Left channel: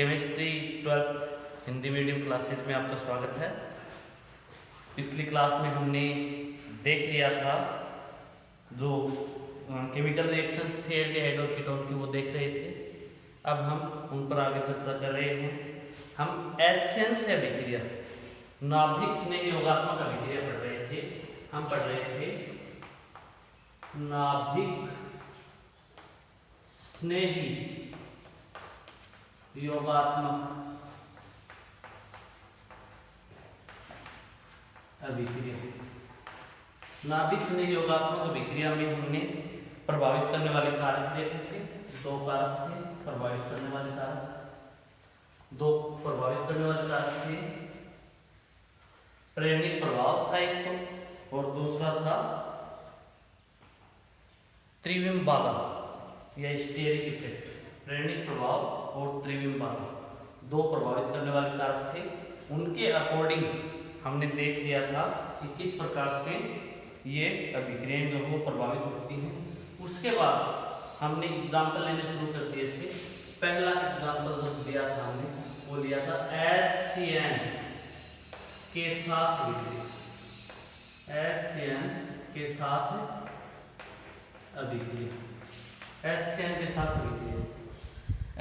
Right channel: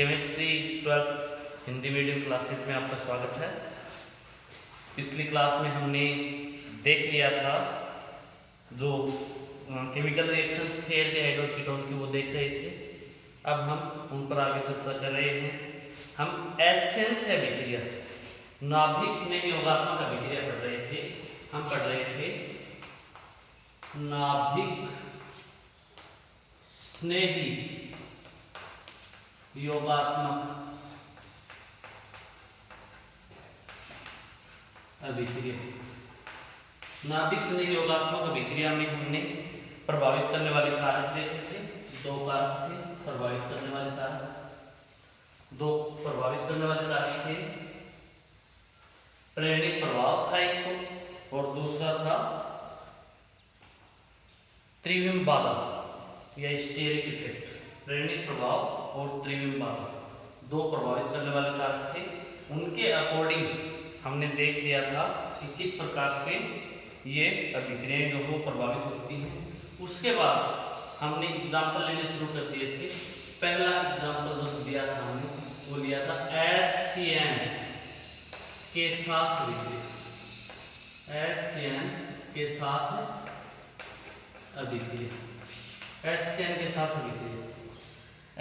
Chemistry 12th Hindi medium classes में आपका स्वागत है। पिछली क्लास में हमने देख लिया था जो केमिकल रिएक्शंस थे एल्डिहाइड और कीटोन की, वो देख रहे थे। अब हम उन पर आगे चर्चा कर रहे हैं। हम HCN से अभिक्रिया, नाभिक स्नेह योगात्मक अभिक्रिया पढ़ रहे थे। हम पढ़ रहे थे नाभिक स्नेही योगात्मक अभिक्रिया। नाभिक स्नेह योगात्मक अभिक्रिया में हमने प्रभावित करने वाले कारक देखे थे। दो कारक थे प्रभावित करने वाले कारक, दो प्रभावित करने वाले कारक थे। प्रेरणिक प्रभाव था एक तो, और दूसरा था त्रिविम बाधा या स्टेरिक इफेक्ट। प्रेरणिक प्रभाव और त्रिविम बाधा दो प्रभावित करने वाले कारक थे। उनके अकॉर्डिंग हमने देख लिया था कि किस प्रकार से ये अभिक्रियाएं जो वो प्रभावित होती हैं। उसके बाद हमने एग्जाम्पल लेने शुरू कर दिए थे। पहला एग्जाम्पल जो लिया था हमने, वो लिया था HCN के साथ अभिक्रिया। HCN के साथ अभिक्रिया, HCN के साथ अभिक्रिया।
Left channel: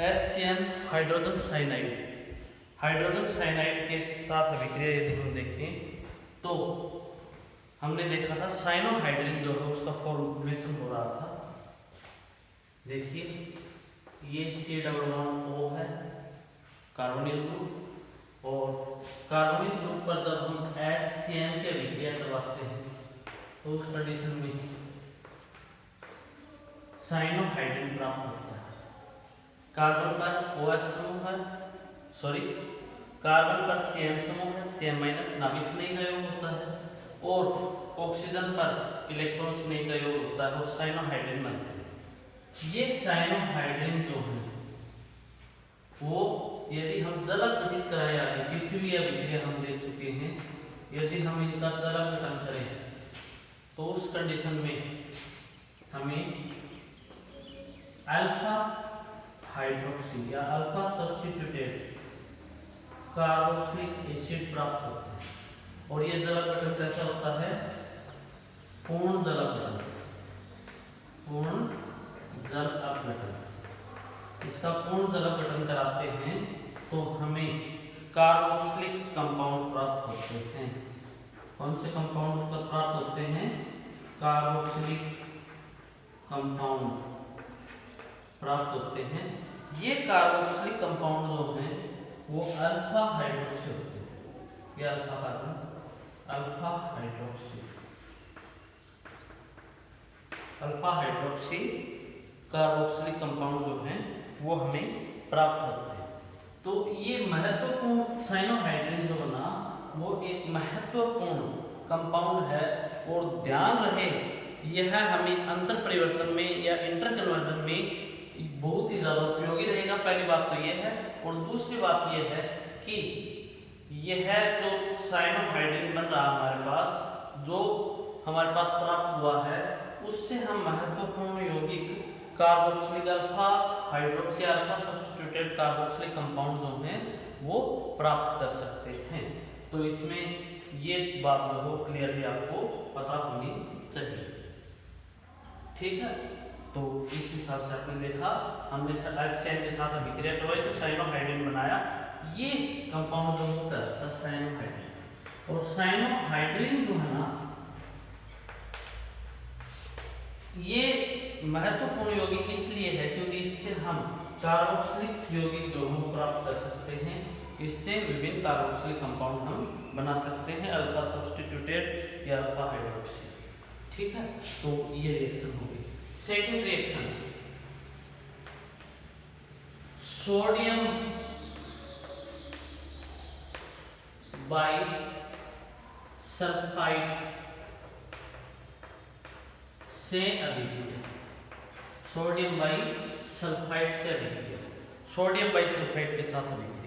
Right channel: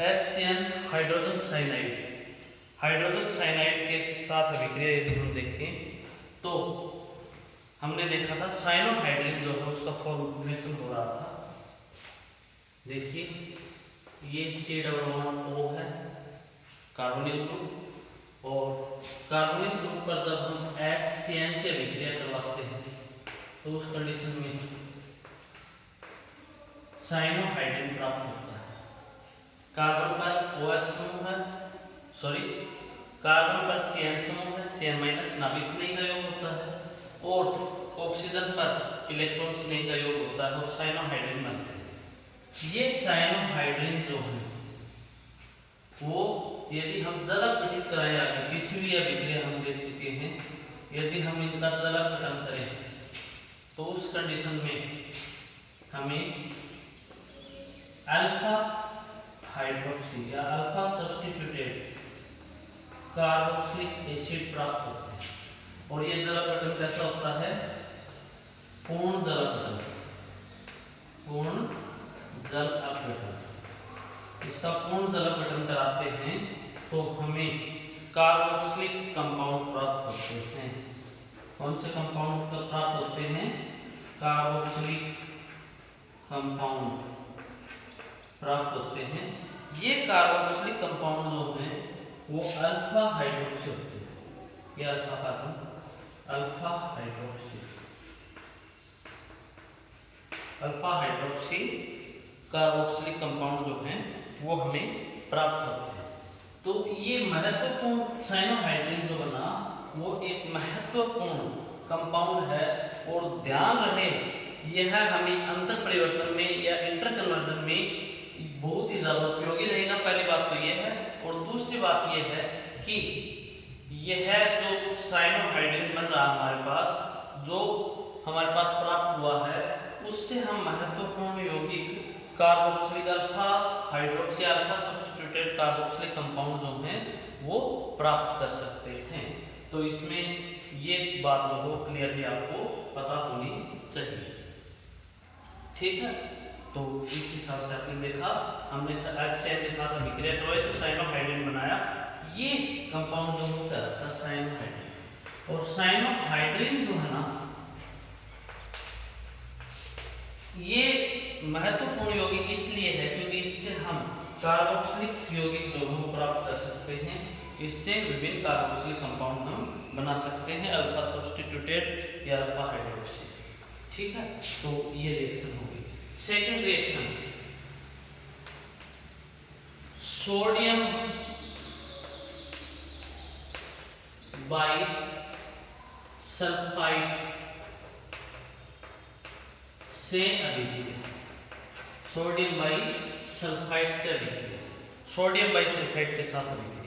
HCN hydrogen cyanide, hydrogen cyanide के साथ अभिक्रिया यदि हम देखें तो हमने देखा था साइनोहाइड्रिन जो है उसका फॉर्मेशन हो रहा था। देखिए ये C+O है कार्बोनिल ग्रुप, और कार्बोनिल ग्रुप पर जब हम HCN की अभिक्रिया करवाते हैं तो उस कंडीशन में साइनोहाइड्रिन प्राप्त होता है। कार्बन पर OH समूह है, कार्बन पर CN समूह है, CN- नाभिक स्नेह का योग होता है, और ऑक्सीजन पर इलेक्ट्रॉन स्नेह का योग होता है और साइनोहाइड्रिन बनते हैं। ये साइनोहाइड्रिन जो है वो यदि हम जल अपघटित कराएं, आगे पिछली अभिक्रिया हम देख चुके हैं, यदि हम इनका जल अपघटन करें तो उस कंडीशन में हमें अल्फा हाइड्रोक्सी या अल्फा सब्स्टिट्यूटेड कार्बोक्सिलिक एसिड प्राप्त होते हैं। और ये जल अपघटन कैसा होता है? पूर्ण जल अपघटन, पूर्ण जल अपघटन। इसका पूर्ण जल अपघटन कराते हैं तो हमें कार्बोक्सिलिक कंपाउंड प्राप्त होते हैं। कौन से कंपाउंड प्राप्त होते हैं? कार्बोक्सिलिक कंपाउंड प्राप्त होते हैं। ये कार्बोक्सिलिक कंपाउंड जो हैं वो अल्फा हाइड्रोक्सी होते हैं। ये alpha carbon, alpha hydroxy, alpha hydroxy carboxylic compound जो हैं वो हमें प्राप्त होते हैं। तो ये महत्वपूर्ण साइनोहाइड्रिन जो बना वो एक महत्वपूर्ण कंपाउंड है, और ध्यान रहे यह हमें अंतर परिवर्तन में या इंटर कन्वर्जन में बहुत ही ज्यादा उपयोगी रहेगा। पहली बात तो यह है, और दूसरी बात यह है कि यह जो साइनोहाइड्रिन बन रहा हमारे पास, जो हमारे पास प्राप्त हुआ है, उससे हम महत्वपूर्ण यौगिक carboxylic alpha hydroxy alpha substituted carboxylic compound जो हैं वो प्राप्त कर सकते हैं। तो इसमें ये बात जो हो क्लियरली आपको पता होनी चाहिए। ठीक है, तो इस हिसाब से आपने देखा, हमने HCN के साथ अभिक्रिया करवाई तो साइनोहाइड्रिन बनाया। ये कंपाउंड जो होता है साइनोहाइड्रिन, और साइनोहाइड्रिन जो है ना ये महत्वपूर्ण यौगिक इसलिए है क्योंकि इससे हम कार्बोक्सिलिक यौगिक जो हम प्राप्त कर सकते हैं। इससे विभिन्न कार्बोक्सिलिक कंपाउंड हम बना सकते हैं, अल्फा सब्स्टिट्यूटेड या अल्फा हाइड्रोक्सी। ठीक है, तो ये रिएक्शन होगी। Second reaction, sodium by sulphide से अभिक्रिया। सोडियम बाई सल्फाइड से अभिक्रिया, सोडियम बाई सल्फाइड के साथ अभिक्रिया।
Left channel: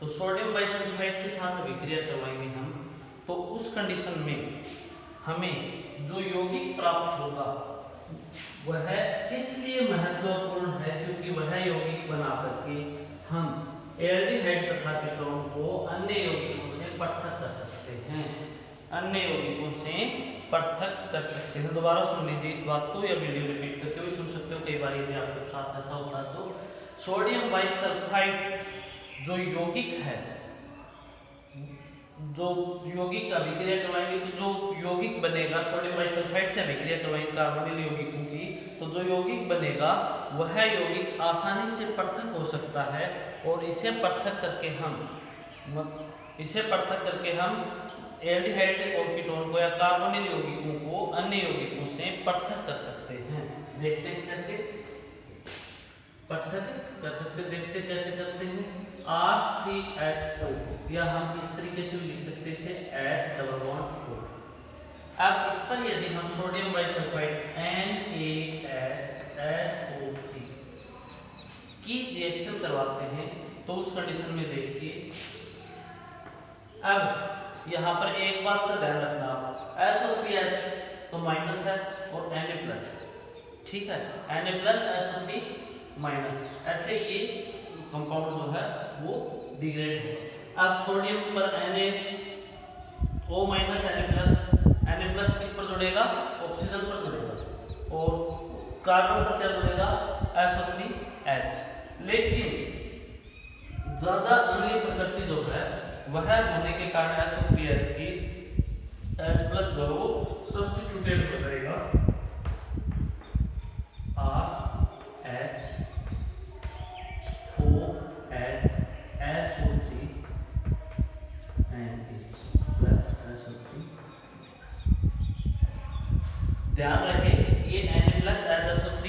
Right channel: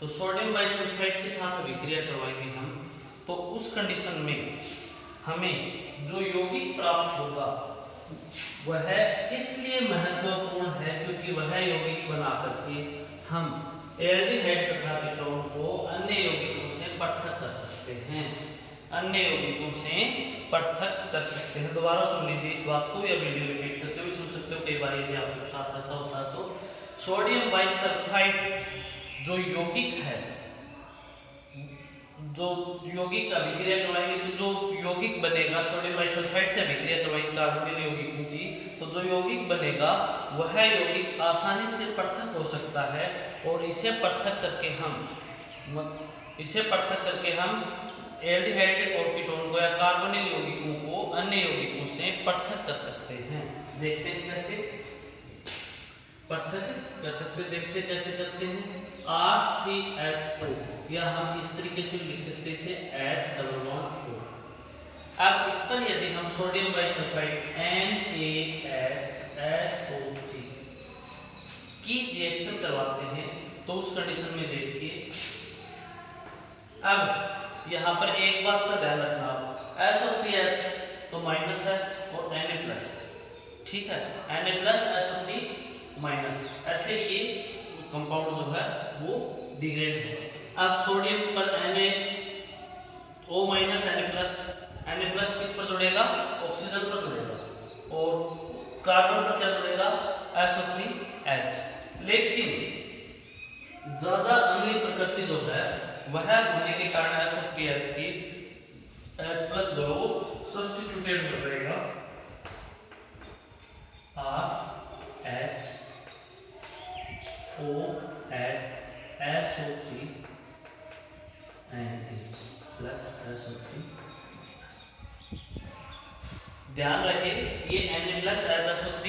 तो सोडियम बाई सल्फाइड के साथ अभिक्रिया करवाएंगे हम, तो उस कंडीशन में हमें जो यौगिक प्राप्त होगा वह इसलिए महत्वपूर्ण है क्योंकि वह यौगिक बना करके हम अन्य यौगिकों से पृथक कर सकते हैं। दोबारा सुन लीजिए इस बात को, या वीडियो रिपीट करके भी सुन सकते हो, कई बार यदि आपके साथ ऐसा होता है तो। सोडियम बाइसल्फाइड जो यौगिक है, जो यौगिक अभिक्रिया करवाएंगे तो जो यौगिक बनेगा, सोडियम बाइसल्फाइड से अभिक्रिया करवाएंगे कार्बोनिल यौगिकों की, तो जो यौगिक बनेगा वह यौगिक आसानी से पृथक हो सकता है, और इसे पृथक करके हम एल्डिहाइड और कीटोन को या कार्बोनिल यौगिकों को अन्य यौगिकों से पृथक कर सकते हैं। देखते हैं कैसे पृथक कर सकते हैं, देखते कैसे करते हैं। RCHO, या हम इस तरीके से लिख सकते हैं H+O। अब इस पर यदि हम सोडियम बाइसल्फाइड NaHSO3 की रिएक्शन करवाते हैं तो उस कंडीशन में देखिए, अब यहाँ पर एक बात का ध्यान रखना, SO3H तो माइनस है और Na+, ठीक है, Na+SO3 माइनस, ऐसे ये कंपाउंड जो है वो डिग्रेड होगा। अब सोडियम पर NaO माइनस Na+ किस पर जुड़ेगा, ऑक्सीजन पर जुड़ेगा, और कार्बन पर क्या जुड़ेगा, SO3H। लेकिन ज्यादा अम्लीय प्रकृति जो है वह होने के कारण SO3H की H+ जो है वो सब्स्टिट्यूटेड हो जाएगा RHOHSO3 Na+SO3। ध्यान रहे ये Na+SO3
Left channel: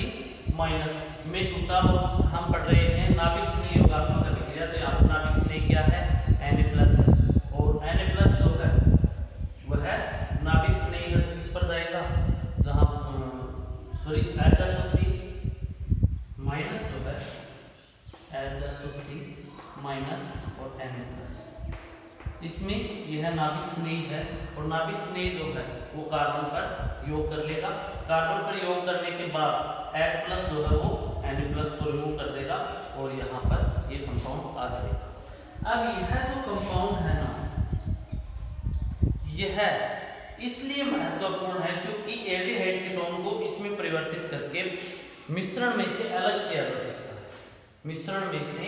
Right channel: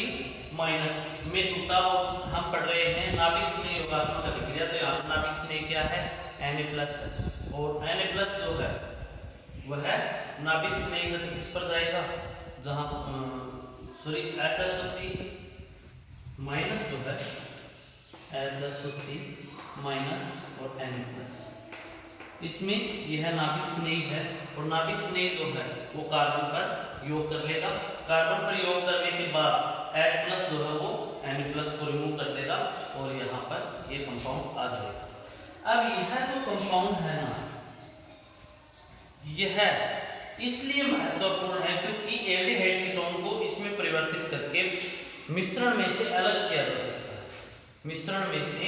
माइनस में टूटा हो, हम पढ़ रहे हैं नाभिक स्नेह योगात्मक अभिक्रिया, तो यहाँ नाभिक स्नेह क्या है, Na+, और Na+ जो है वह नाभिक स्नेह किस पर जाएगा, जहाँ सॉरी HSO3 माइनस जो है HSO3 माइनस और Na+, इसमें यह नाभिक स्नेह है, और नाभिक स्नेह जो है वो कार्बन पर योग कर लेगा। कार्बन पर योग करने के बाद H+ जो है वो Na+ को रिमूव कर देगा, और यहाँ पर ये कंपाउंड आ जाएगा। अब यह जो कंपाउंड है ना, यह इसलिए महत्वपूर्ण है क्योंकि एल्डिहाइड कीटोन को इसमें परिवर्तित करके मिश्रण में से अलग किया जा सकता है, मिश्रण में से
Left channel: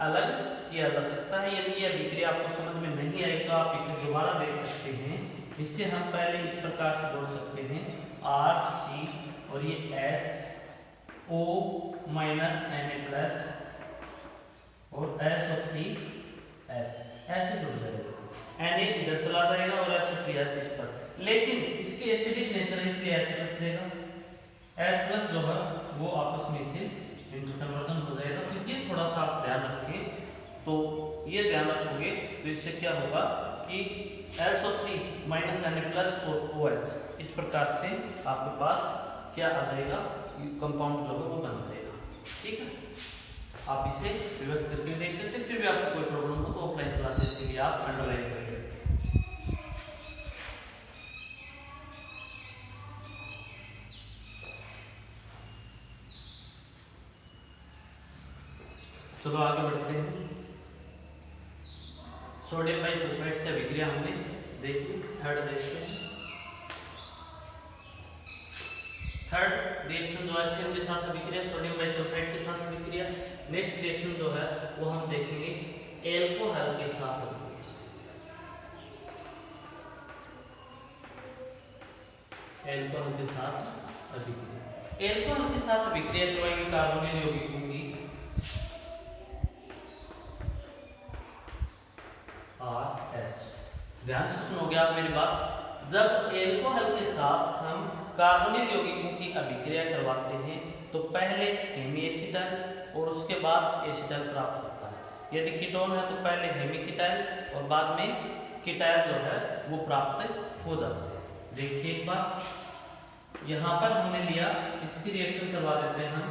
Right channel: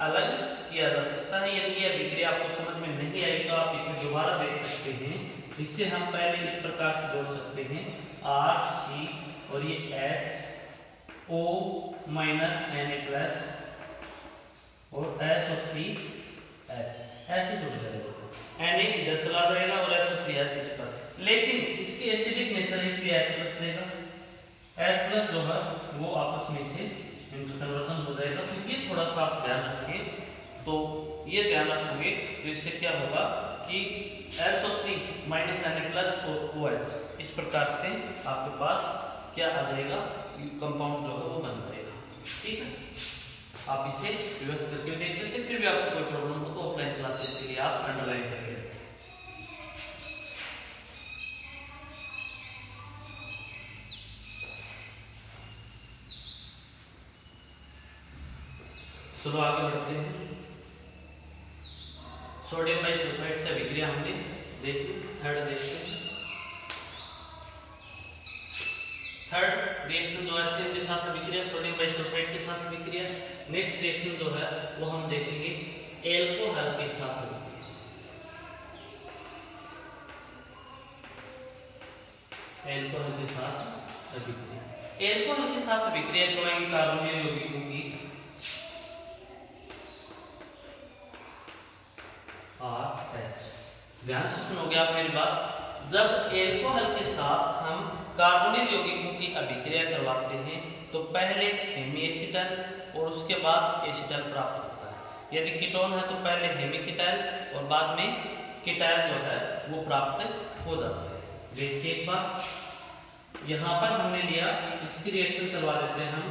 अलग किया जा सकता है। यदि यह अभिक्रिया आपको समझ में नहीं आई तो आप इसे दोबारा देख सकते हैं। इसे हम पहले इस प्रकार से जोड़ सकते हैं, RC और ये HO माइनस Na+ और SO3H ऐसे जुड़ जाएगा, Na इधर चला जाएगा और SO3H इस पर, लेकिन इसकी एसिडिक नेचर है इसलिए H+ देगा, H+ जो है वो आपस में से इंटरकन्वर्जन हो जाएगा। तो ये थोड़ा सा आप ध्यान रखिए, तो ये ध्यान रखोगे तो इससे क्या होगा कि SO3 माइनस Na+ और OH इस प्रकार से आपके पास क्या आ जाएगा, कंपाउंड जो है वो बन जाएगा। ठीक है, आप इसे रिवर्स करके देख सकते हैं। फिर भी आपको कोई प्रॉब्लम हो तो ऑफलाइन क्लासेस के लिए आप अंडरलाइन करके चलो आगे बढ़ते हैं। सोडियम बाइसल्फाइड से अभिक्रिया हमने देखी, थर्ड देखते हैं। थर्ड रिएक्शन जो है HCl के साथ अभिक्रिया, सोडियम बाइसल्फाइड के साथ अभिक्रिया। नेक्स्ट रिएक्शन जो है वो हम देखेंगे एल्कोहल के साथ अभिक्रिया। एल्कोहल के साथ अभिक्रिया, एल्कोहल के साथ अभिक्रिया करवाएंगे कार्बोनिल यौगिकों की RH। ध्यान से सुनोगे आप मेरी बात, जब एल्कोहल के साथ हम कार्बोनिल यौगिकों की अभिक्रिया करवाते हैं तो पहले हेमीएसिटल और उसके बाद एसिटल प्राप्त होता है। यदि कीटोन है तो पहले हेमीकीटाइल और बाद में कीटाइल जो है वो प्राप्त हो जाता है। देखिए एक बार यहाँ पर हमने लिया, इसकी रिएक्शन करवा देते हैं हम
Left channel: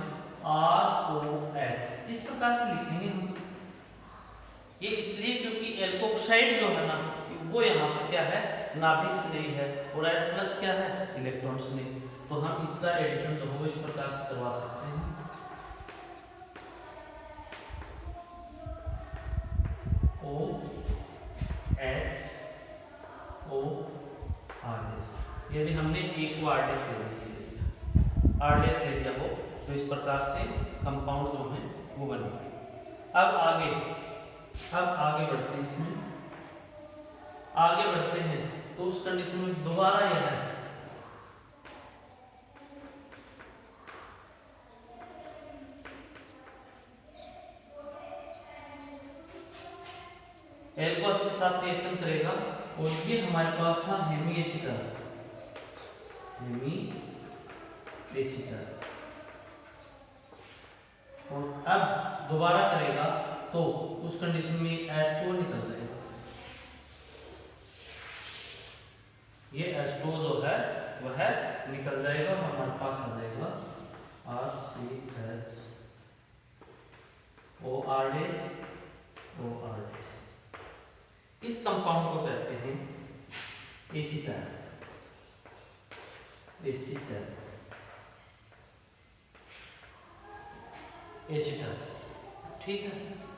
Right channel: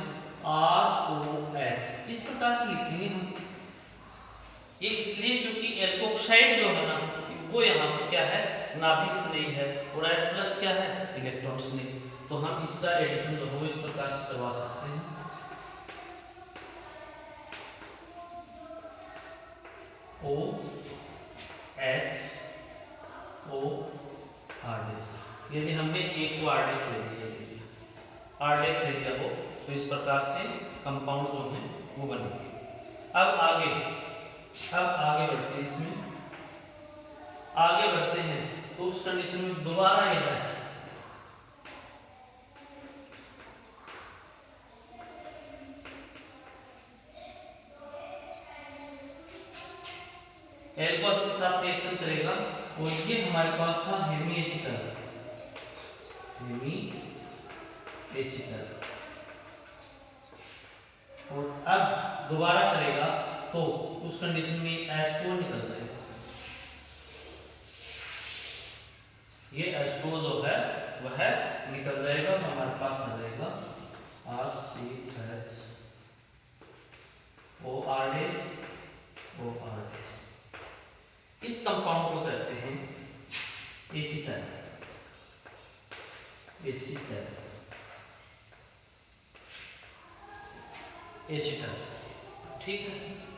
ROH, इस प्रकार से लिखेंगे हम। ये इसलिए क्योंकि एल्कोक्साइड जो है ना वो यहाँ पर क्या है, नाभिक स्नेह है, और H+ क्या है, इलेक्ट्रॉन स्नेह। तो हम इसका एडिशन जो है इस प्रकार से करवा सकते हैं। OH O यदि हमने एक को R' ले लिया, R' ले लिया हो तो इस प्रकार से कंपाउंड जो है वो बनेगा। अब आगे बढ़ते हैं, इसमें आगे बढ़ते हैं तो उस कंडीशन में दोबारा यह है एल्कोहल के साथ रिएक्शन करेगा और ये हमारे पास था हेमीएसिटल, और अब दोबारा करेगा तो उस कंडीशन में H2O निकल जाएगा। ये H2O जो है वह निकल जाएगा, हमारे पास आ जाएगा RCHOR'। इस कंपाउंड को कहते हैं एसीटल। ठीक है,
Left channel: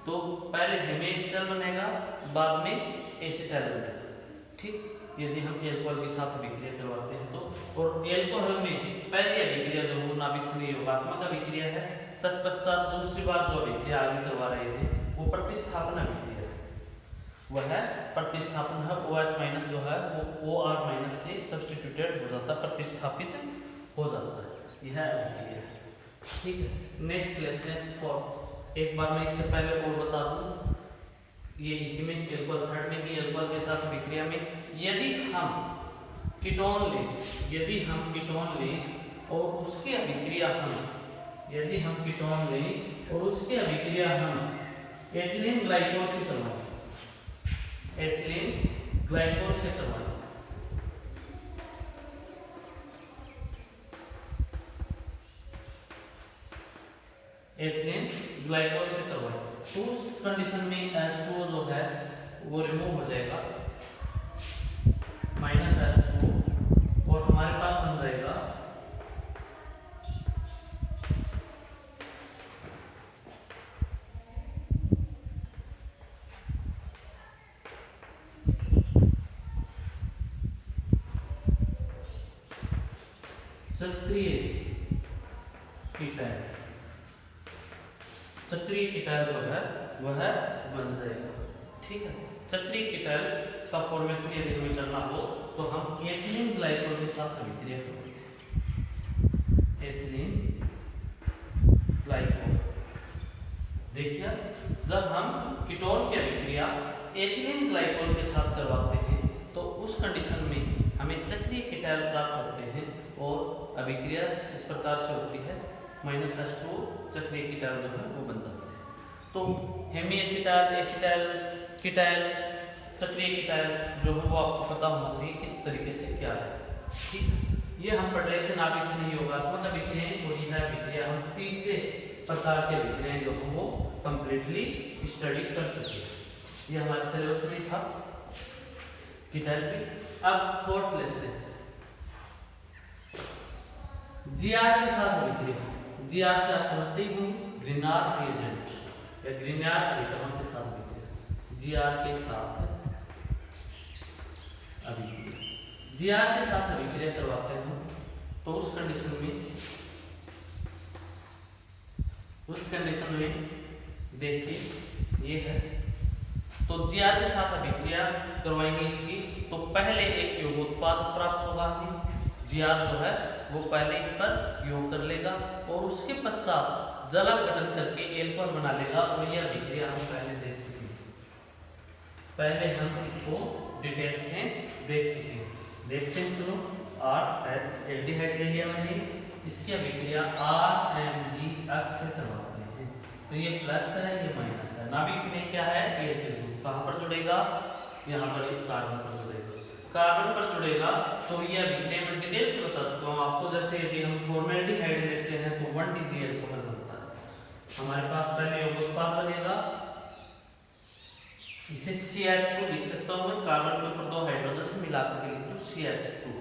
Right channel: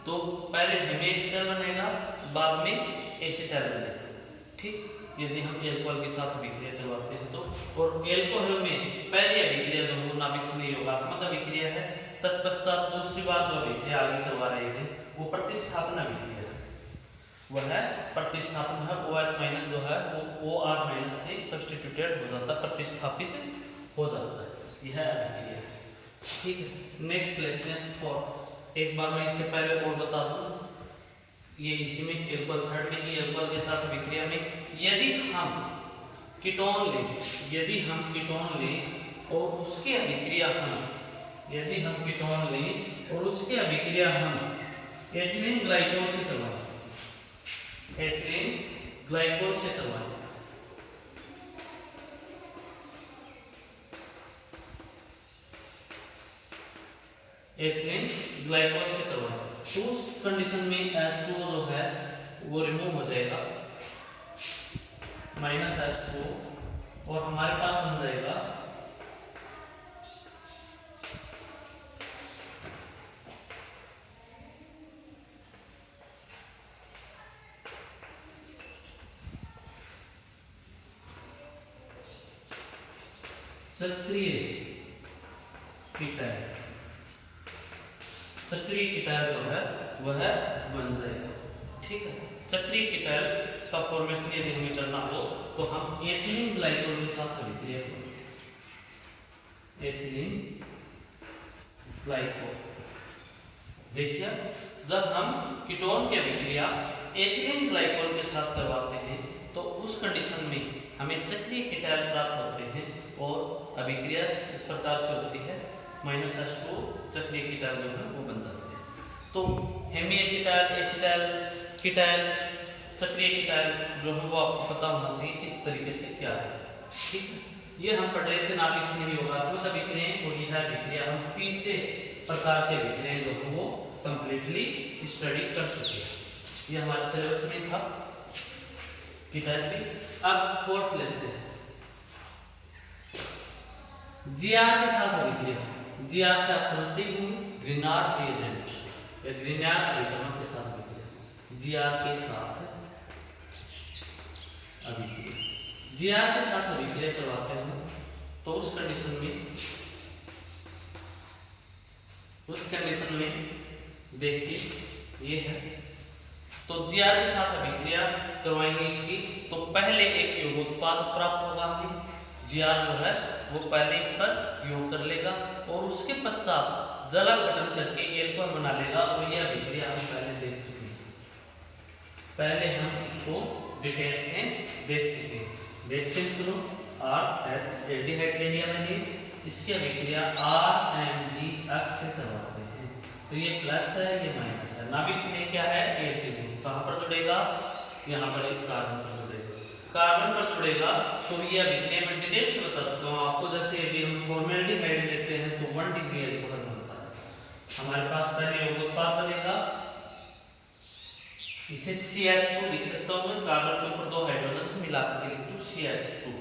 तो पहले हेमीएसिटल बनेगा, बाद में एसीटल बनेगा। ठीक, यदि हम एल्कोहल के साथ अभिक्रिया करवाते हैं तो, और एल्कोहल में पहली अभिक्रिया जो वो नाभिक से योगात्मक अभिक्रिया है, तत्पश्चात दूसरी बात जो अभिक्रिया आगे करवा रहे हैं वो प्रतिस्थापन अभिक्रिया है। वह है प्रतिस्थापन है, OH- जो है वो OR- से सब्स्टिट्यूटेड हो जाता है, प्रतिस्थापित हो जाता है। यह अभिक्रिया है। ठीक है, नेक्स्ट लेते हैं फोर्थ। एक बार मैं इससे पहले और बता दूं, ये इसी में एल्कोहल थर्ड में कि एल्कोहल के साथ अभिक्रिया में यदि हम कीटोन लें और उसकी अभिक्रिया हम एथिलीन ग्लाइकोल से करवाएं, एथिलीन ग्लाइकोल से करवाएं, तो उस कंडीशन में H2O जो है वो रिमूव हो जाएगा, -H2O, और हमारे पास बन जाएगा सक्रिय कीटल जो है वह बन जाएगा। ठीक है, सक्रिय कीटल का फॉर्मेशन यदि हमें करना हो तो हम एथिलीन ग्लाइकोल के साथ अभिक्रिया करेंगे। एथिलीन ग्लाइकोल, देखिए जब हम कीटोन की अभिक्रिया एथिलीन ग्लाइकोल के साथ करवाते हैं तो उस कंडीशन में हमें सक्रिय कीटल प्राप्त होते हैं और अभिक्रिया इस प्रकार से होती है, -H2O सक्रिय कीटल जो है वो बन जाते हैं। तो हेमीएसिटल, एसिटल कीटल, सक्रिय कीटल जो है वो आपको पता होना चाहिए किस तरीके से क्या है। ठीक, ये हम पढ़ रहे थे नाभिक से योगात्मक अभिक्रियाएं, और यह अभिक्रिया हम तीसरे प्रकार के अभिक्रियाएं जो है वो कंप्लीटली स्टडी कर चुके हैं। ये हमारे सिलेबस में था कीटल भी। अब फोर्थ लेते हैं, जीआर के साथ अभिक्रिया। जीआर से आप समझते ही ग्रीनार्ड रिएजेंट या ग्रीनार्ड रिएजेंट के साथ अभिक्रिया। जीआर के साथ अभिक्रिया करवाते हैं तो उस कंडीशन में देखिए ये है, तो जीआर के साथ अभिक्रिया करवाएंगे इसकी, तो पहले एक योगोत्पाद प्राप्त होगा हमें। जीआर जो है वो पहले इस पर योग कर लेगा और उसके पश्चात जल गठन करके एल्कोहल बना लेगा, और यह अभिक्रिया हम पहले देख चुके हैं। पहले हम इसको डिटेल से देख चुके हैं। देखते हैं, चलो RH एल्डिहाइड ले लिया मैंने, इसकी अभिक्रिया RMgH से करवाते हैं, तो ये प्लस है ये माइनस है। नाभिक में क्या है, एल्डिहाइड कहां पर जुड़ेगा, यहाँ पर इस कार्बन पर जुड़ेगा, तो ये अभिक्रिया में डिटेल से बता चुका हूँ आपको। जैसे यदि हम फॉर्मेल्डिहाइड लेते हैं तो 1 डिग्री अल्कोहल बनता है, हमारे पास पहले योगोत्पाद बनेगा, इसे CH2 लिख सकता हूँ मैं, कार्बन के ऊपर 2 हाइड्रोजन मिलाकर लिख दूं CH2।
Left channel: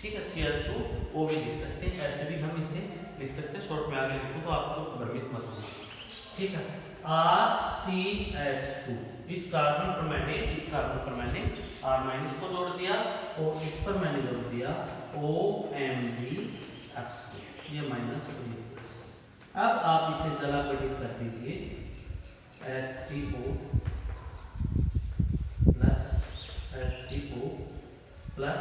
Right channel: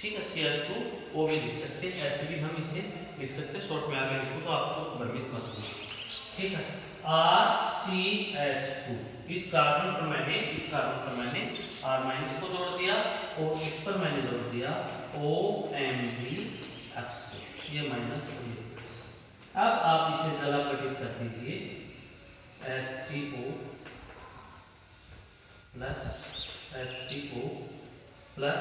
ठीक है, CH2O भी लिख सकते हैं, ऐसे भी हम इसे लिख सकते हैं, शॉर्ट में आगे लिखूं तो आपको भ्रमित मत होना। ठीक है, RCH2, इस कार्बन पर मैंने R माइनस को जोड़ दिया और इस पर मैंने जोड़ दिया OMgH2, ये माइनस और ये प्लस। अब आप इसे जलापटित कर दीजिए, H3O प्लस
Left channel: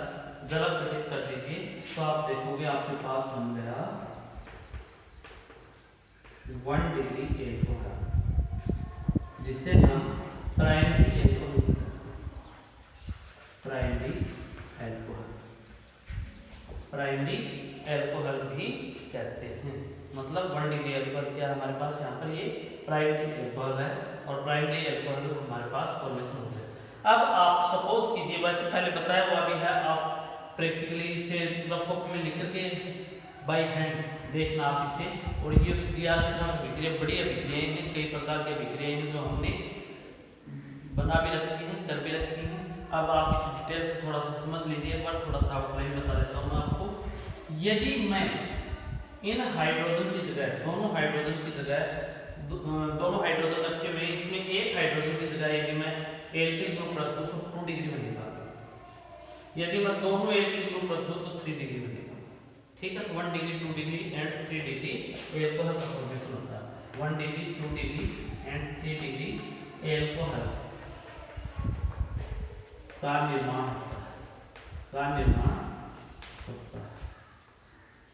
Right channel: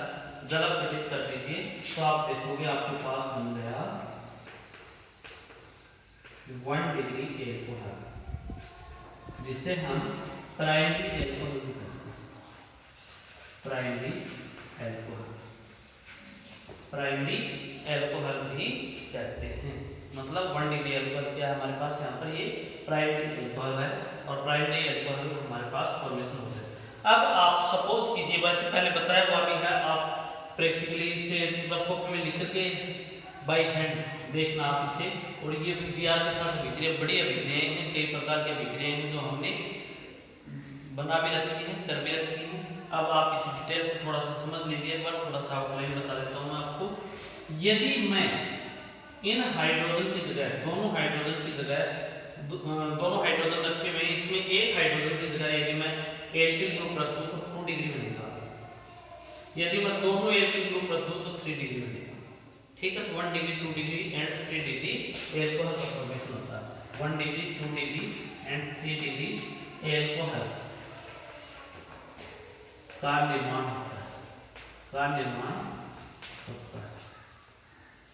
जलापटित कर दीजिए, तो आप देखोगे आपके पास बन गया 1 डिग्री एल्कोहल, जिसे हम प्राइमरी एल्कोहल कहते हैं। प्राइमरी एल्कोहल भी कहते हैं, मतलब 1 डिग्री एल्कोहल क्या हमारे पास यहाँ पर ये प्राइमरी एल्कोहल है, और प्राइमरी एल्कोहल हमारे पास फॉर्मेशन हो जाए। अब आप सपोज कीजिए, वैसे पहले बताया हुआ भी है, आप प्रैक्टिकली इसे वर्कबुक में लिख के बाई हैंड देखना आप इसे। और ये जीआर के साथ अभिक्रिया, बड़ी अभिक्रियाएं हैं, कई प्रकार की अभिक्रियाएं हैं जो हमने बना भी रखी है, कर भी रखी है। अब आप इस डिटेल से थोड़ा सा समझ लीजिए, एक बार थोड़ा सा आउटलाइन बता देता हूँ आपको। यदि मैं इन हाइड्रोजन की जगह दोनों हाइड्रोजन रखे हुए, इसमें एक हाइड्रोजन की जगह यदि मैं एल्किल ग्रुप रख दूं तो 2 डिग्री में निकालता, यदि मैं दोनों एल्किल ग्रुप रख दूं तो 3 डिग्री में निकालता। ठीक है, 1 degree 2 degree and 3 degree alcohol का फॉर्मेशन होता है। 1 degree 2 degree and 3 degree alcohol का निर्माण होता है।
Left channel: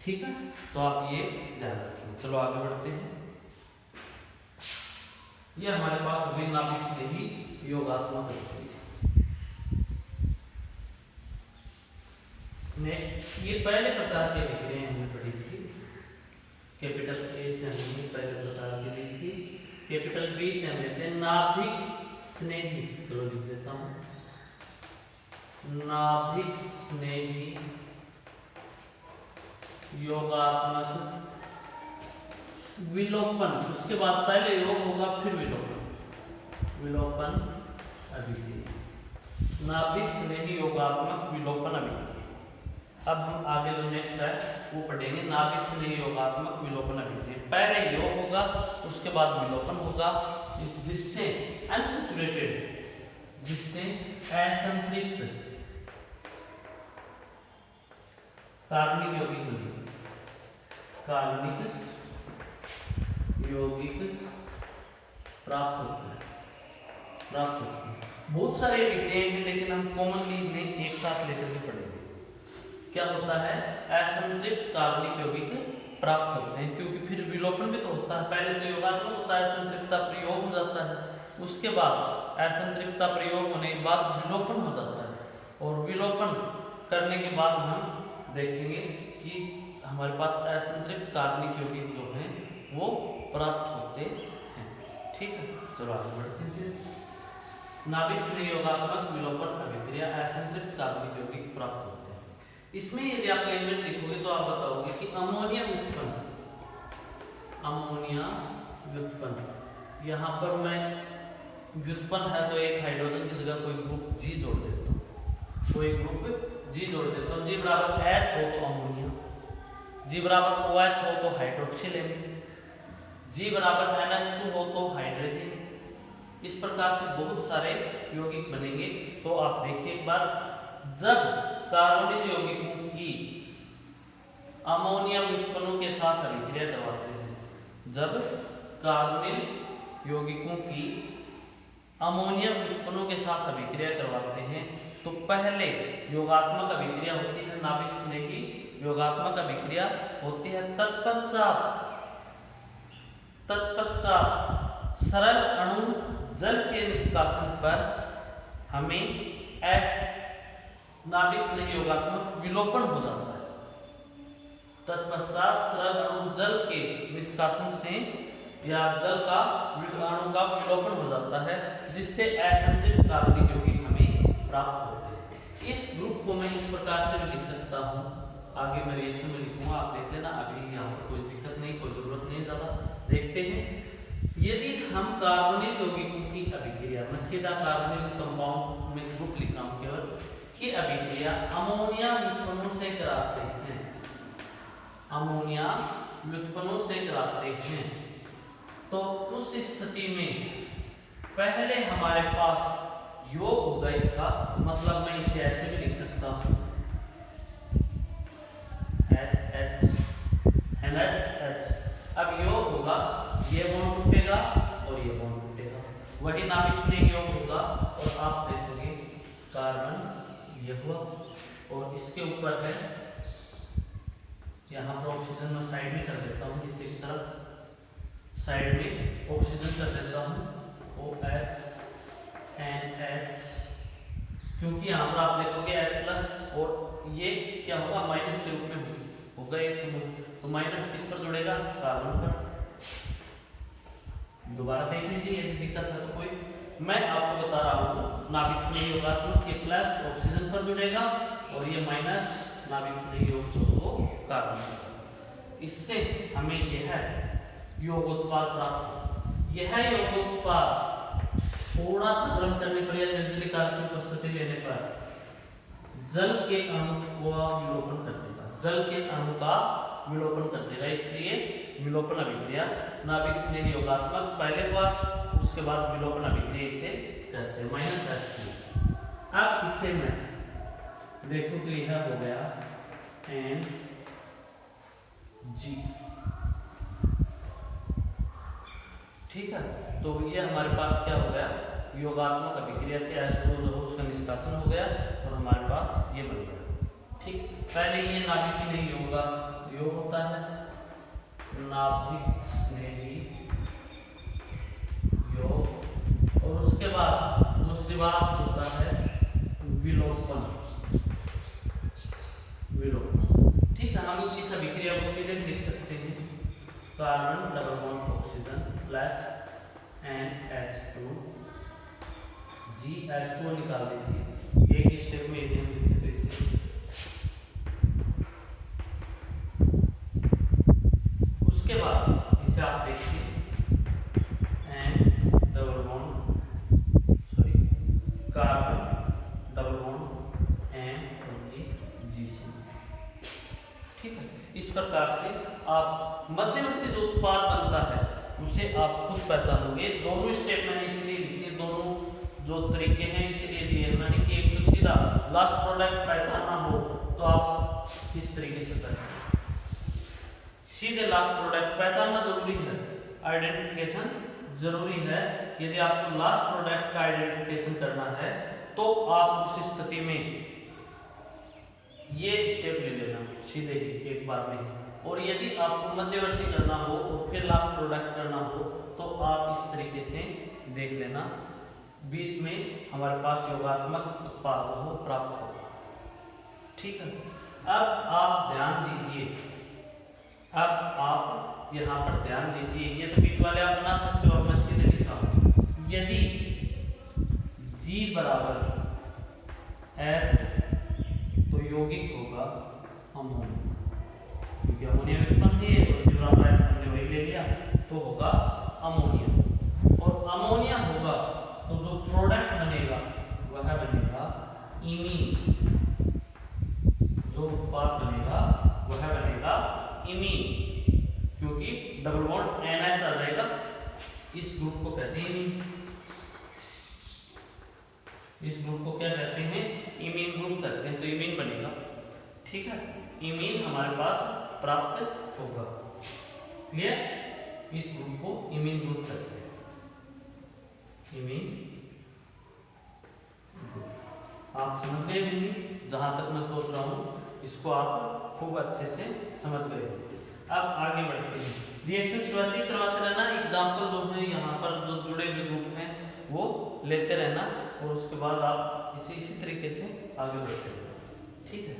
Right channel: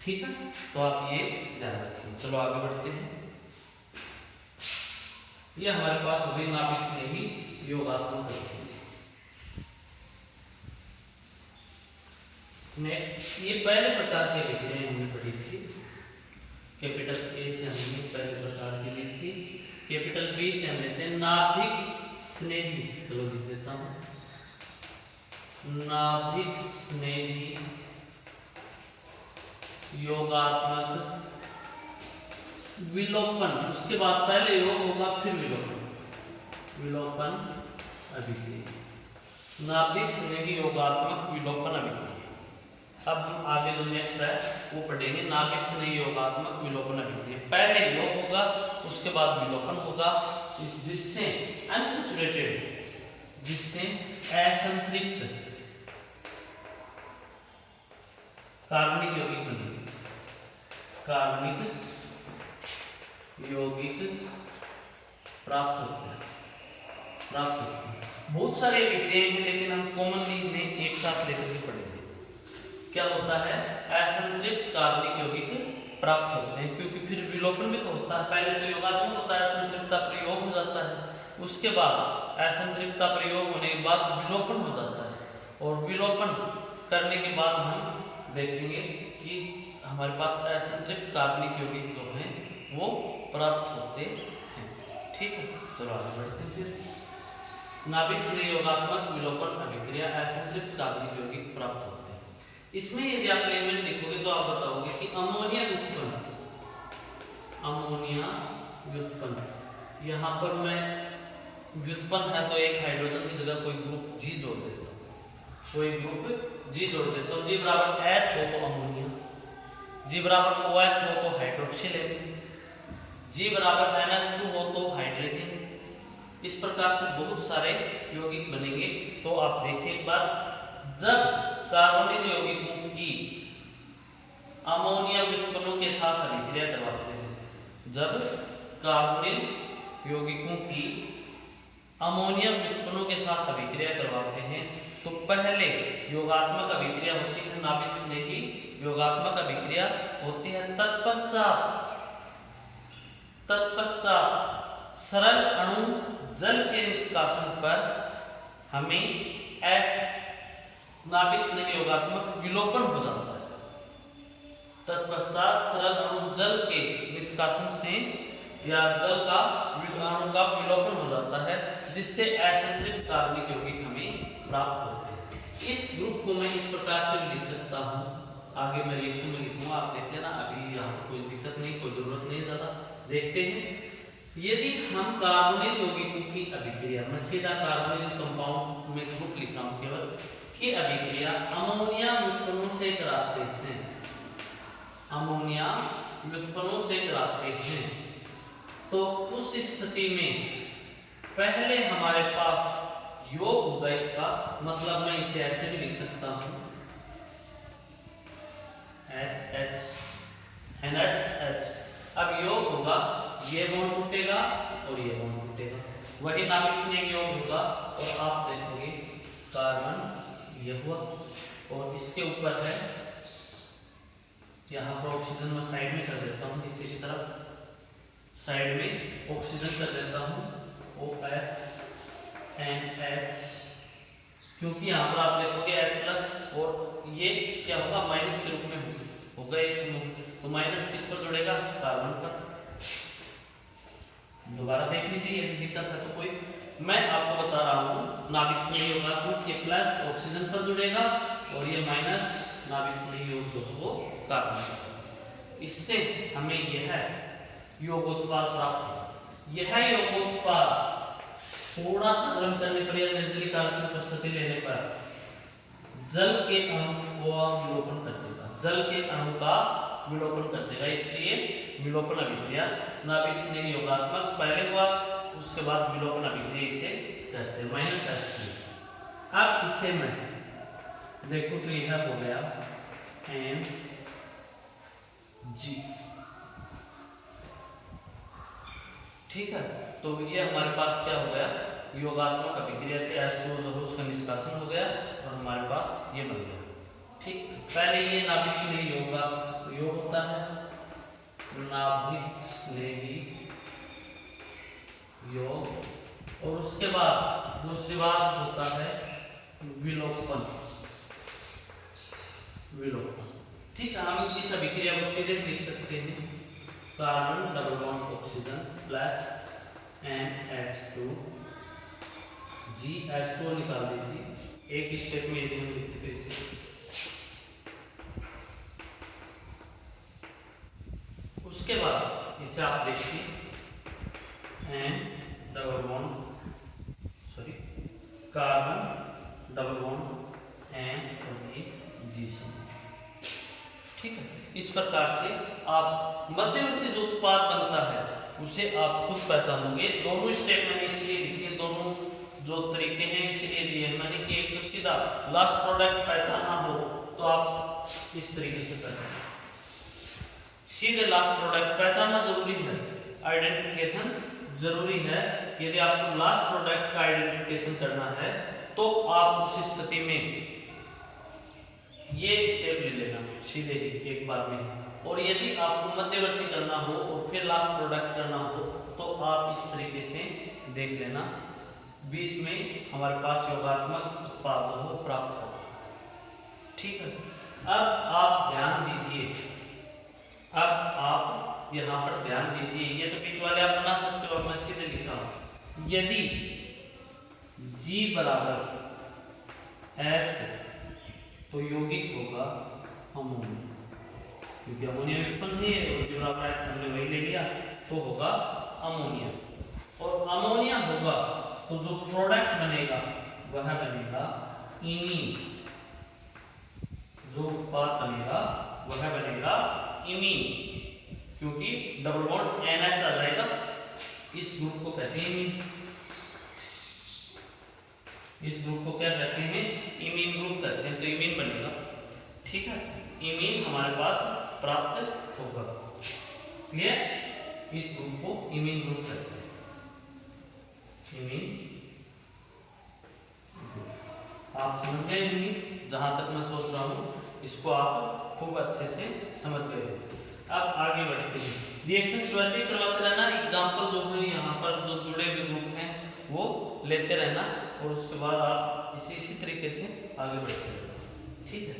ठीक है, तो आप ये ध्यान रखिए। चलो आगे बढ़ते हैं। ये हमारे पास विभिन्न नाभिक स्नेही योगात्मक है। नेक्स्ट, ये पहले प्रकार के अभिक्रियाएं हमने पढ़ी थी। कैपिटल ए से हमने पहले प्रकार की ली थी, कैपिटल बी से हम लेते हैं नाभिक स्नेही। चलो लिख देता हूं, नाभिक स्नेही योगात्मक विलोपन। उसके बाद पहले योग होगा फिर विलोपन अभिक्रिया, नाभिक स्नेही योगात्मक विलोपन अभिक्रिया। अब हम आगे जो नेक्स्ट है वो पढ़ेंगे, नाभिक स्नेही योगात्मक विलोपन अभिक्रिया। पहले योग होगा, उसके बाद विलोपन होगा, जिससे अनसैचुरेटेड, जिससे असंतृप्त कार्बनिक यौगिक बनेंगे। कार्बनिक यौगिक प्राप्त होते हैं। बहुत सारे अभिक्रियाएं हैं, लेकिन हम कॉमनली इन्हें एक साथ लेकर पढ़ेंगे। क्या होता है, असंतृप्त कार्बनिक यौगिक प्राप्त होते हैं, क्योंकि फिर विलोपन भी तो होता है। पहले तो योगात्मक होता है, असंतृप्तता प्रयोग हो जाता है, उसके बाद असंतृप्तता प्रयोग होने के बाद विलोपन हो जाता है, और विलोपन करने के बाद हम देखेंगे कि हमारे पास असंतृप्त कार्बनिक यौगिक जो हैं वो प्राप्त होते हैं। ठीक है, चलो आगे बढ़ते हैं। नाभिक स्नेही योगात्मक विलोपन अभिक्रिया, असंतृप्त कार्बनिक यौगिक प्राप्त होते हैं। इसमें यदि आप एलिमेंट लिखोगे तो आप बताओगे कि अमोनिया व्युत्पन्न, यहाँ पर मैं व्युत्पन्न है तो एक हाइड्रोजन की जगह कोई ग्रुप जी जोड़ देता हूँ, जी बराबर H हो तो अमोनिया, जी बराबर OH हो तो हाइड्रोक्सिल एसिड, जी बराबर NH2 हो तो हाइड्रोजन। इस प्रकार से बहुत सारे यौगिक बनेंगे। तो आप देखिए एक बार, जब कार्बनिक यौगिकों की अमोनिया व्युत्पन्नों के साथ अभिक्रिया करवाते हैं, जब कार्बनिक यौगिकों की अमोनिया व्युत्पन्नों के साथ अभिक्रिया करवाते हैं, तो पहले योगात्मक अभिक्रिया होती है, नाभिक स्नेही योगात्मक अभिक्रिया होती है। तत्पश्चात सरल अणु जल के निष्कासन पर हमें नाभिक स्नेही योगात्मक विलोपन हो जाता है। तत्पश्चात सरल अणु जल के निष्कासन से या जल का अणु का विलोपन हो जाता है, जिससे असंतृप्त कार्बनिक यौगिक हमें प्राप्त होते हैं। इस ग्रुप को मैं इस प्रकार से लिख सकता हूँ, आगे मैं रिएक्शन में लिखूंगा, आप देखते हैं ना, अभी यहाँ पर कोई दिक्कत नहीं, कोई जरूरत नहीं ज़्यादा। देखते हैं, यदि हम कार्बनिक यौगिकों की अभिक्रिया, मैं सीधा कार्बनिक कंपाउंड में ग्रुप लिखा हूँ केवल, की अभिक्रिया अमोनिया व्युत्पन्नों से कराते हैं, तो उस स्थिति में पहले हमारे पास योग होगा इसका, मतलब मैं इसे ऐसे भी लिख सकता हूं H NH। अब योग होगा, ये बॉन्ड टूटेगा और ये बॉन्ड टूटेगा, वही नाभिक स्नेह योग होगा। और आप देखोगे कार्बन ये हुआ और इसके ऊपर है, यहाँ पर ऑक्सीजन में साइड में कर देता हूँ, नीचे की तरफ साइड में ऑक्सीजन कर देता हूँ OH NH, क्योंकि यहाँ पर आप देखोगे H प्लस और ये क्या होगा माइनस के रूप में होगा एक समूह, तो माइनस किस पर जुड़ेगा, कार्बन पर। दोबारा देख लीजिए यदि दिक्कत है तो कोई, मैं आपको बता रहा हूँ नाभिक स्नेही योगात्मक ये प्लस ऑक्सीजन पर जुड़ेगा और ये माइनस नाभिक स्नेही योग वो कार्बन पर। इससे हमें यह योगोत्पाद प्राप्त हो। यह योगोत्पाद थोड़ा सा गर्म करने पर या निर्जलीकरण की उपस्थिति लेने पर जल के अणु का विलोपन कर देगा, जल के अणु का विलोपन कर देगा, इसलिए विलोपन अभिक्रिया नाभिक स्नेही योगात्मक पहले हुआ, उसके बाद विलोपन अभिक्रिया इसे कहते हैं -H2। अब इसे मैं देखूं तो यह हो गया Mg, ठीक है। तो ये हमारे पास क्या हो गया, योगात्मक अभिक्रिया से H2 जो है उसका निष्कासन हो गया और हमारे पास ये बन गया, ठीक। पहले ये नाभिक स्नेही योग होता है, नाभिक स्नेही योग, और उसके बाद दूसरी बात होता है विलोपन, ठीक है। हम इस अभिक्रिया को सीधे लिख सकते हैं, carbon double bond oxygen plus NH2 H2 निकाल दीजिए, एक स्टेप में यदि हम लिखते तो इसे, उसके बाद इसे आप देखिए कार्बन डबल बॉन्ड N और ये Gc, ठीक है। इस प्रकार से आप मध्यवर्ती जो उत्पाद बनता है उसे आप खुद पहचानोगे। दोनों स्टेप मैंने इसलिए लिखे, दोनों जो तरीके हैं इसलिए दिए मैंने कि एक तो सीधा लास्ट प्रोडक्ट पहचानना हो तो आप इस तरीके से पहचानें, सीधे लास्ट प्रोडक्ट पहचानना जरूरी है, आइडेंटिफिकेशन जरूरी है। यदि आपको लास्ट प्रोडक्ट का आइडेंटिफिकेशन करना है तो आप उस स्थिति में ये स्टेप ले लेना सीधे ही एक बार में, और यदि आपको मध्यवर्ती करना हो और फिर लास्ट प्रोडक्ट करना हो तो आप इस तरीके से देख लेना, बीच में हमारे पास योगात्मक उत्पाद हो प्राप्त होगा, ठीक है। अब आप ध्यान दीजिए, अब आप यहाँ पर ध्यान दीजिए, ये तो बीच वाले आप बना सकते हो, मैं सीधे लिख रहा हूँ, यदि G बराबर H तो यौगिक होगा अमोनिया, क्योंकि अमोनिया उत्पन्न है और जो रामायण हमने वही ले लिया तो होगा अमोनिया, और अमोनिया होगा तो जो प्रोडक्ट बनेगा वह बनेगा इमीन, जो उत्पाद बनेगा वह बनेगा इमीन, क्योंकि डबल बॉन्ड NH आ जाएगा, इस ग्रुप को कहते हैं इमीन, इस ग्रुप को क्या कहते हैं, इमीन ग्रुप कहते हैं, तो इमीन बनेगा, ठीक है। इमीन हमारे पास प्राप्त होगा, क्लियर। इस ग्रुप को इमीन ग्रुप कहते हैं, इमीन ग्रुप। आप समझ गए होंगे, जहां तक मैं सोच रहा हूं इसको आप खूब अच्छे से समझ गए हो। अब आगे बढ़ते हैं, रिएक्शन वैसे करवाते रहना, एग्जाम्पल जो है यहाँ पर जो जुड़े हुए ग्रुप हैं वो लेते रहना, और उसके बाद आप इसी तरीके से आगे बढ़ते रहना, ठीक है।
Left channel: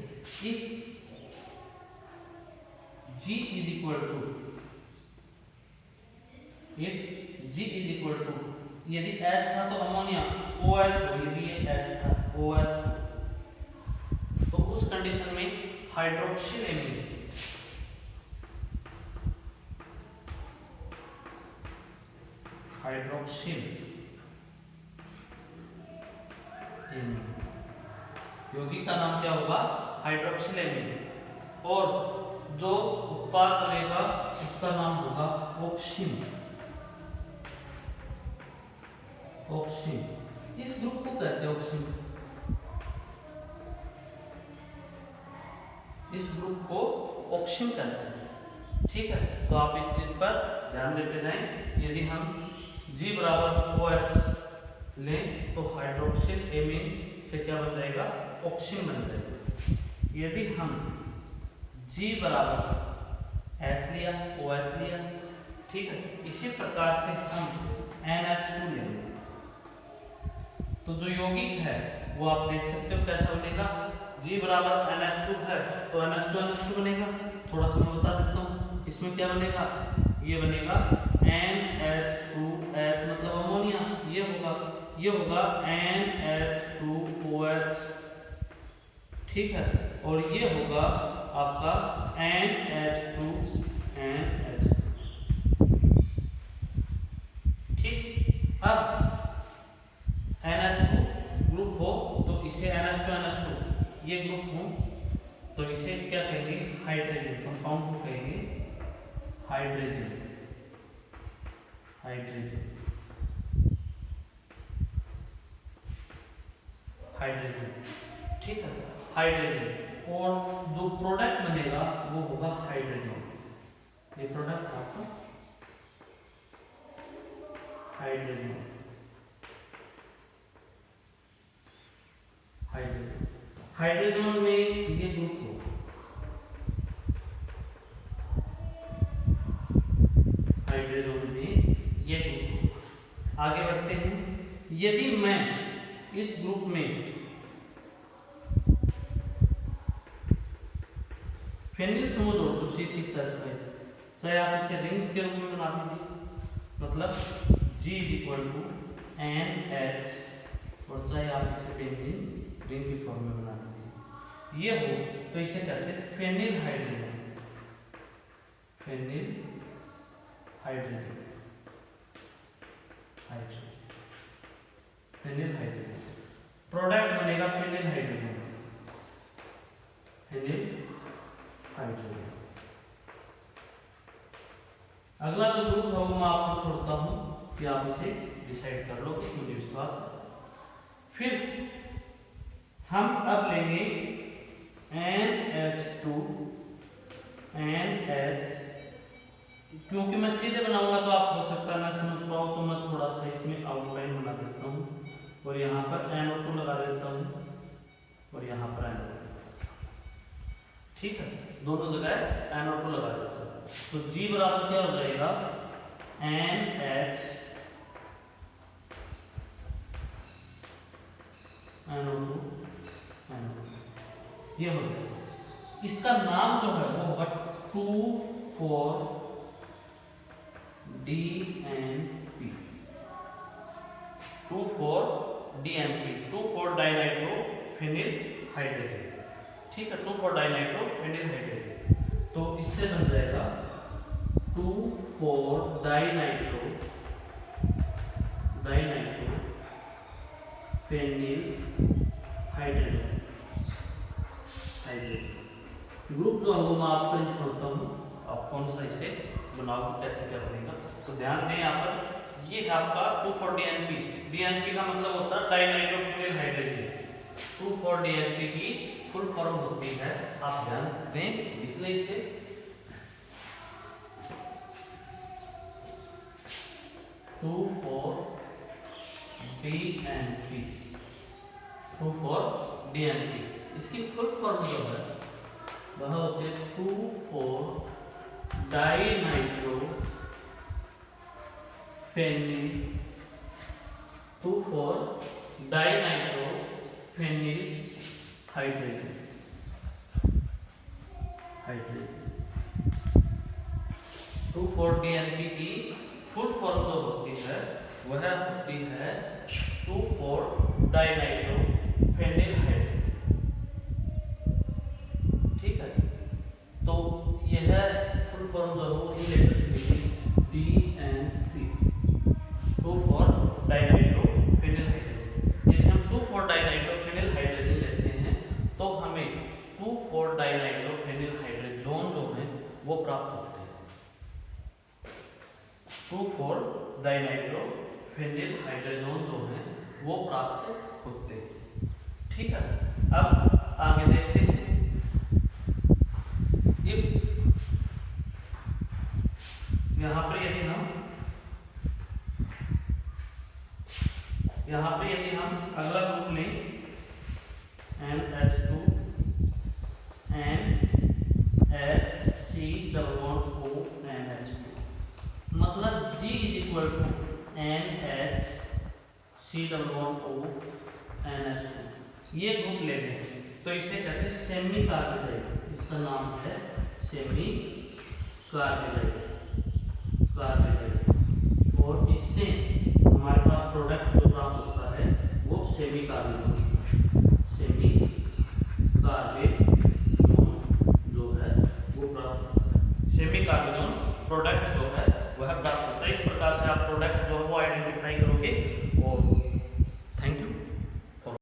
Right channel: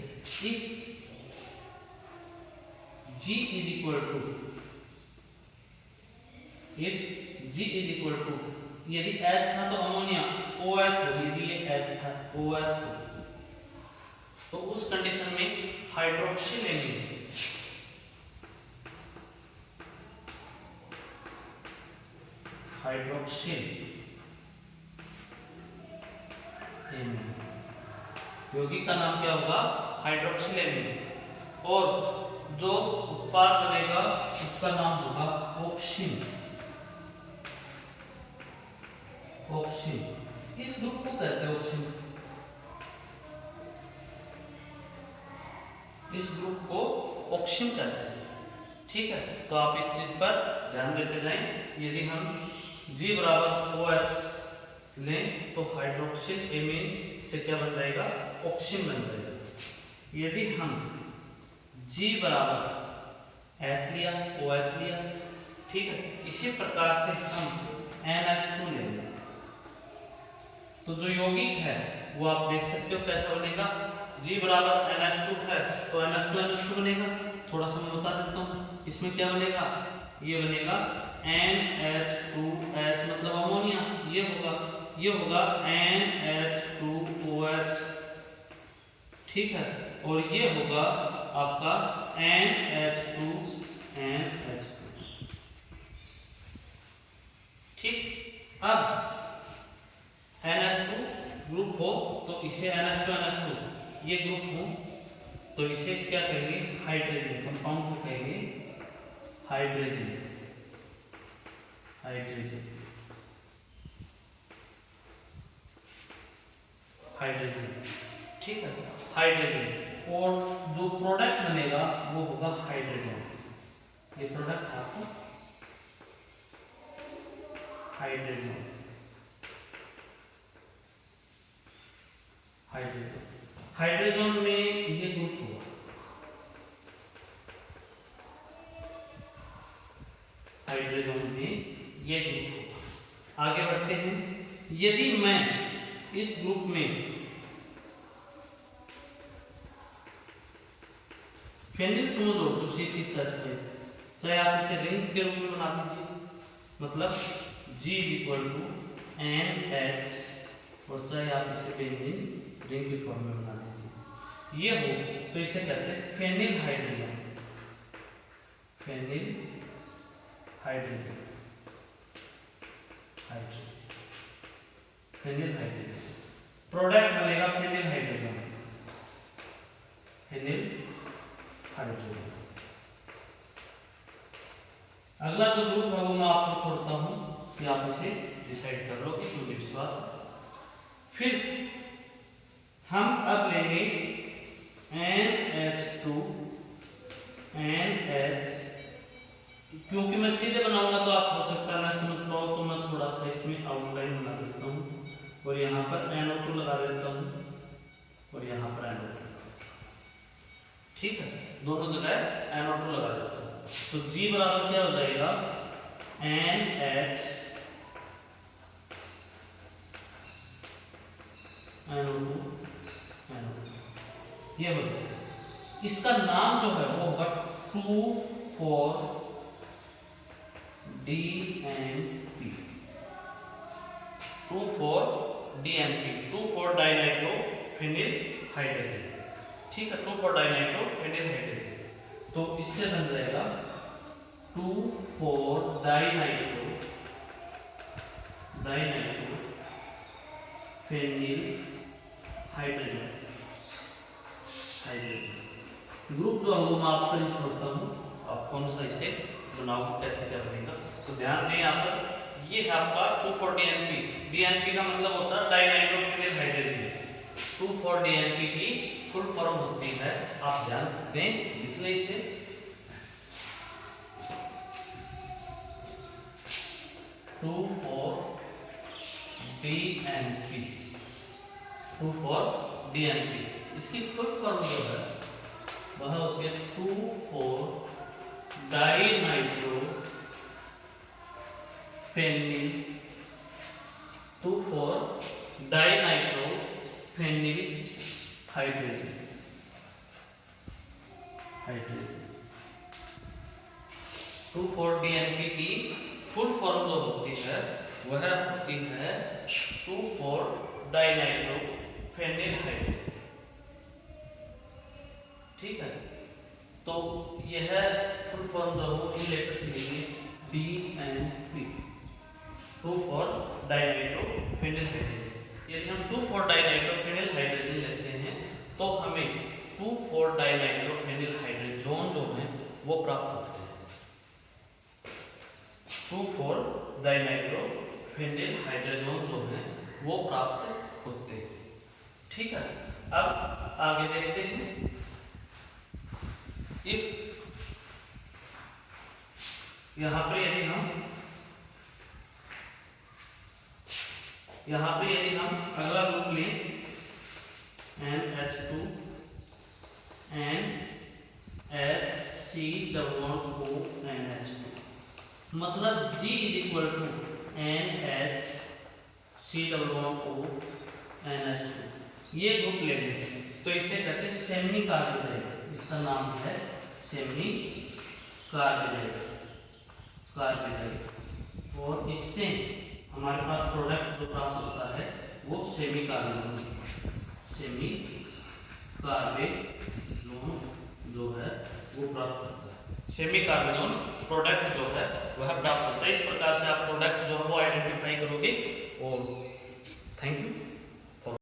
G is equal to, G is equal to, यदि H था तो अमोनिया OH हो, यदि ये H था OH हो, तो उस कंडीशन में हाइड्रोक्सिल एमीन, यौगिक का नाम क्या होगा, हाइड्रोक्सिल एमीन, और जो उत्पाद बनेगा उसका नाम होगा ऑक्सीन, ऑक्सीन, इस ग्रुप को कहते हैं ऑक्सीन, इस ग्रुप को ऑक्सीन कहते हैं। ठीक है, तो आप इस चीज पर ध्यान देते जाएं। यदि हम G बराबर OH लें तो हाइड्रोक्सिल एमीन से क्या बन जाएगा, ऑक्सीन बन जाएगा। यदि हम G बराबर H लिया, OH लिया, ठीक है, इसी प्रकार से हम NH2 लेंगे तो जो यौगिक है वो आप देख सकते हो कैसा बनेगा। G बराबर NH2 है तो NH2 बनेगा। थोड़ा सा मैं बता देता हूँ, इसमें क्या बनेगा, ये बनेगा NH2H मतलब अमोनिया, ये होगा NH2OH, ठीक है, और ये होगा आपका NH2NH। ठीक, अब NH2 ग्रुप हो तो इसे NH2NH2 ये ग्रुप हो तो इसे क्या कहेंगे, हाइड्रोजन कंपाउंड को कहेंगे हाइड्रोजन, हाइड्रोजन, हाइड्रोजन, ठीक है, हाइड्रोजन। और जो प्रोडक्ट बनेगा वो होगा हाइड्रोजन। ये प्रोडक्ट आपका हाइड्रोजन, हाइड्रोजन, हाइड्रोजन में ये ग्रुप होगा, हाइड्रोजन में ये ग्रुप होगा। आगे बढ़ते हैं। यदि मैं इस ग्रुप में फेनिल समूह जोड़ दूं C6H5, चाहे आप इसे रिंग के रूप में बना दीजिए, मतलब G NH, और चाहे आप इसे बेंजीन रिंग के फॉर्म में बना दीजिए, ये हो तो इसे कहते हैं phenyl hydrogen, phenyl hydrogen, hydrogen, phenyl hydrogen. Product बनेगा फेनिल हाइड्रोजन, फेनिल हाइड्रोजन। अगला जो ग्रुप है वो मैं आपको छोड़ता हूं कि आप इसे डिसाइड कर लो, मुझे विश्वास है। फिर हम अब लेंगे NH2 NH, क्योंकि मैं सीधे बनाऊंगा तो आप हो सकता है ना समझ पाओ, तो मैं थोड़ा सा इसमें आउटलाइन बना देता हूँ और यहाँ पर NO2 लगा देता हूँ और यहाँ पर NO2, ठीक है, दोनों जगह NO2 लगा देता हूँ। तो G बराबर क्या हो जाएगा, NH NO2 NO2, ये हो जाएगा। इसका नाम जो है वो होगा 2,4-DNP, 2,4-DNP, 2,4-डाइनाइट्रोफेनिल हाइड्रोजन, ठीक है, 2,4-डाइनाइट्रोफेनिल हाइड्रोजन। तो इससे बन जाएगा 2,4-डाइनाइट्रोफेनिल हाइड्रोजन, हाइड्रोजन। ग्रुप जो है वो मैं आपको ही छोड़ता हूँ, आप कौन सा इसे बनाओ कैसे क्या बनेगा। तो ध्यान दें यहाँ पर, ये है आपका 2,4-DNP, DNP का मतलब होता है डाइनाइट्रोफेनिल हाइड्रोजन। 2,4-DNP की फुल फॉर्म होती है, आप ध्यान दें, लिख लें इसे, 2,4-DNP, 2,4-DNP। इसकी फुल फॉर्म जो है वह होती है 2,4-डाइनाइट्रोफेनिल, 2,4-डाइनाइट्रोफेनिल हाइड्रोजन, हाइड्रोजन। 2,4-DNP की फुल फॉर्म जो होती है वह होती है 2,4-डाइनाइट्रोफेनिल हाइड्रोजन, ठीक है। तो यह फुल फॉर्म जो हो इन लेटर्स के लिए DNP, 2,4-डाइनाइट्रोफेनिल हाइड्रोजन। यदि हम 2,4-डाइनाइट्रोफेनिल हाइड्रोजन लेते हैं तो हमें 2,4-डाइनाइट्रोफेनिल हाइड्रोजन जो है वो प्राप्त होते हैं। 2,4-डाइनाइट्रोफेनिल हाइड्रोजन जो वो प्राप्त होते हैं। ठीक है, अब आगे देखते हैं। यहाँ पर यदि हम अगला ग्रुप लें NH2 NHCO NH2, मतलब G = NHCO NH2, ये ग्रुप ले लें तो इसे कहते हैं सेमी कार्बोहाइड्रेट। इसका नाम है सेमी कार्बोहाइड्रेट। और इससे हमारे पास प्रोडक्ट जो प्राप्त होता है वो सेमी कार्बोन जो है वो प्राप्त होता है। सेमी कार्बोन प्रोडक्ट जो है